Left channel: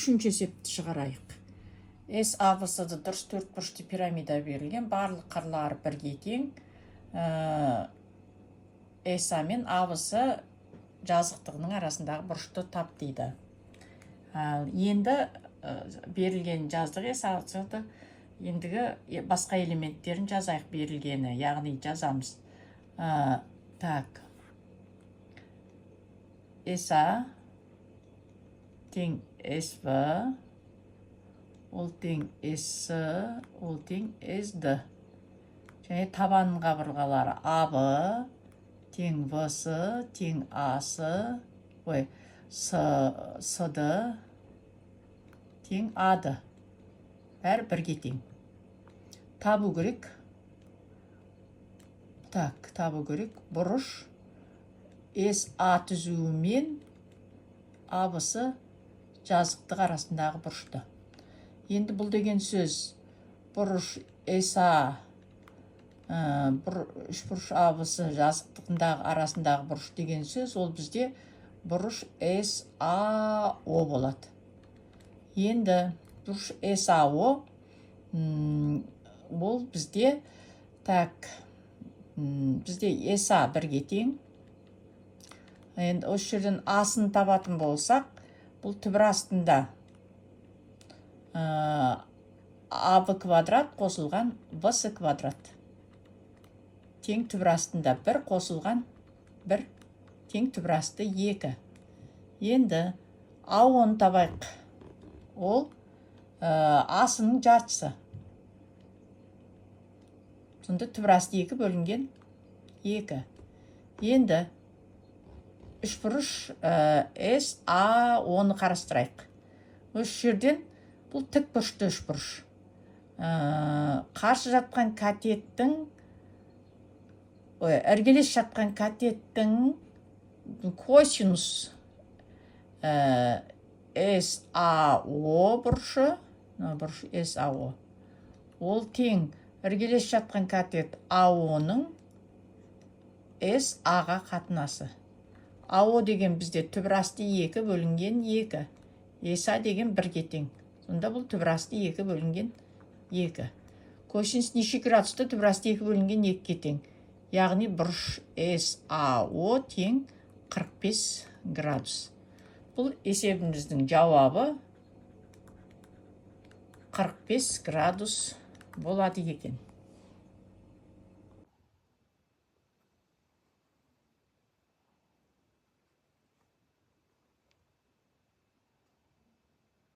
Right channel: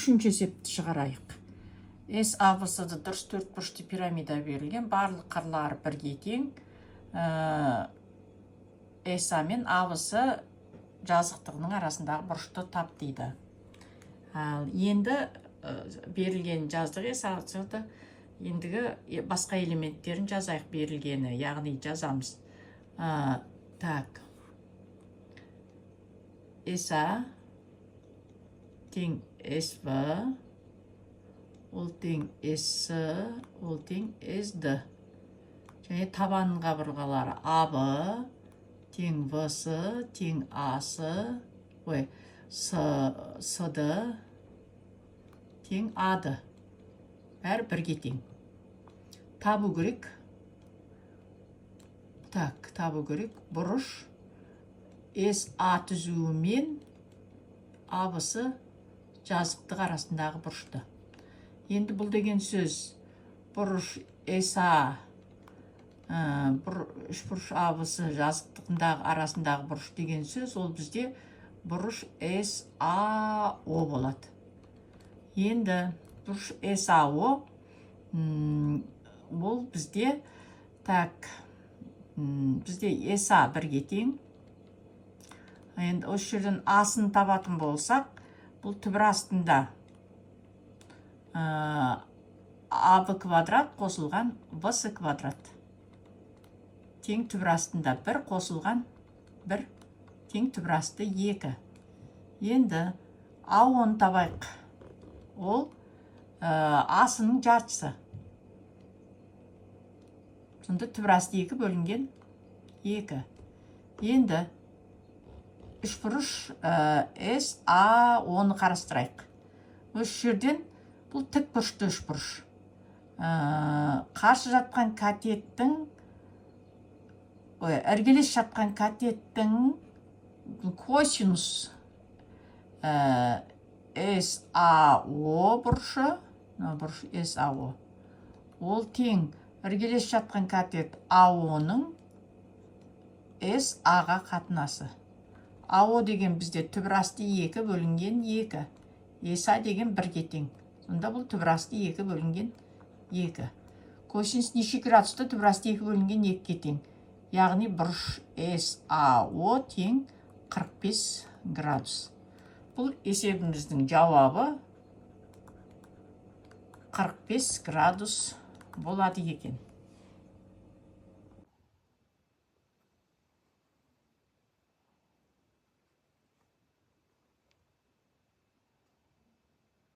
үшінші есепті шығарайық. С абысыды дұрыс төртбұрышты пирамида берілген, барлық қырлары бірге тең. СА мен абысы жазықтығының арасындағы бұрышты тап дейді. Енді берілген жаздық С абысыды ендігі басқа элементтерін жазайық берілгені, яғни жазамыз. Так. СА тең СВ, ол тең С, ол тең СД. Және табанның қабырғалары АБ тең ВС тең АС, СД тең АД. Бәрі бірге тең. Табу керек. Так, табу керек. Бұрыш СА түзуімен абысы жазықтық арасындағы бұрышты. Енді бұл деген сөз бұрыш СА үшбұрыш абысы жазықтығындағы арасындағы бұрыш деген сөз, ол бізде бұрыш САО болады. Енді бұрыш САО ол бізде бізде СА бірге тең. Енді осы жерден асын табатын болсақ, бұл түбір астында АБ квадрат қосылған ВС квадрат. Тең түбір астында 1 қосылған 1 тең түбір асты 2. Енді АОны табайық. Ол асының жартысы. Сонда түбір асты 2 бөлінген 2. Енді үшбұрыш САОны қарастырайық. Осы жерден бұл тік бұрышты үшбұрыш. Қарсы жатқан катеттің, іргелес жатқан катеттің косинус САО бұрышы, бұрыш САО, ол тең іргелес жатқан катет АОның САға қатынасы. АО деген бізде түбір асты 2 бөлінген 2. СА деген 1-ге тең. Сонда бұл түбір асты 2 бөлінген 2. Косинус неше градусты? Түбір асты 2 бөлінген 2-ге тең. Яғни бұрыш САО тең 45 градус. Бұл есебіміздің жауабы 45 градус болады екен.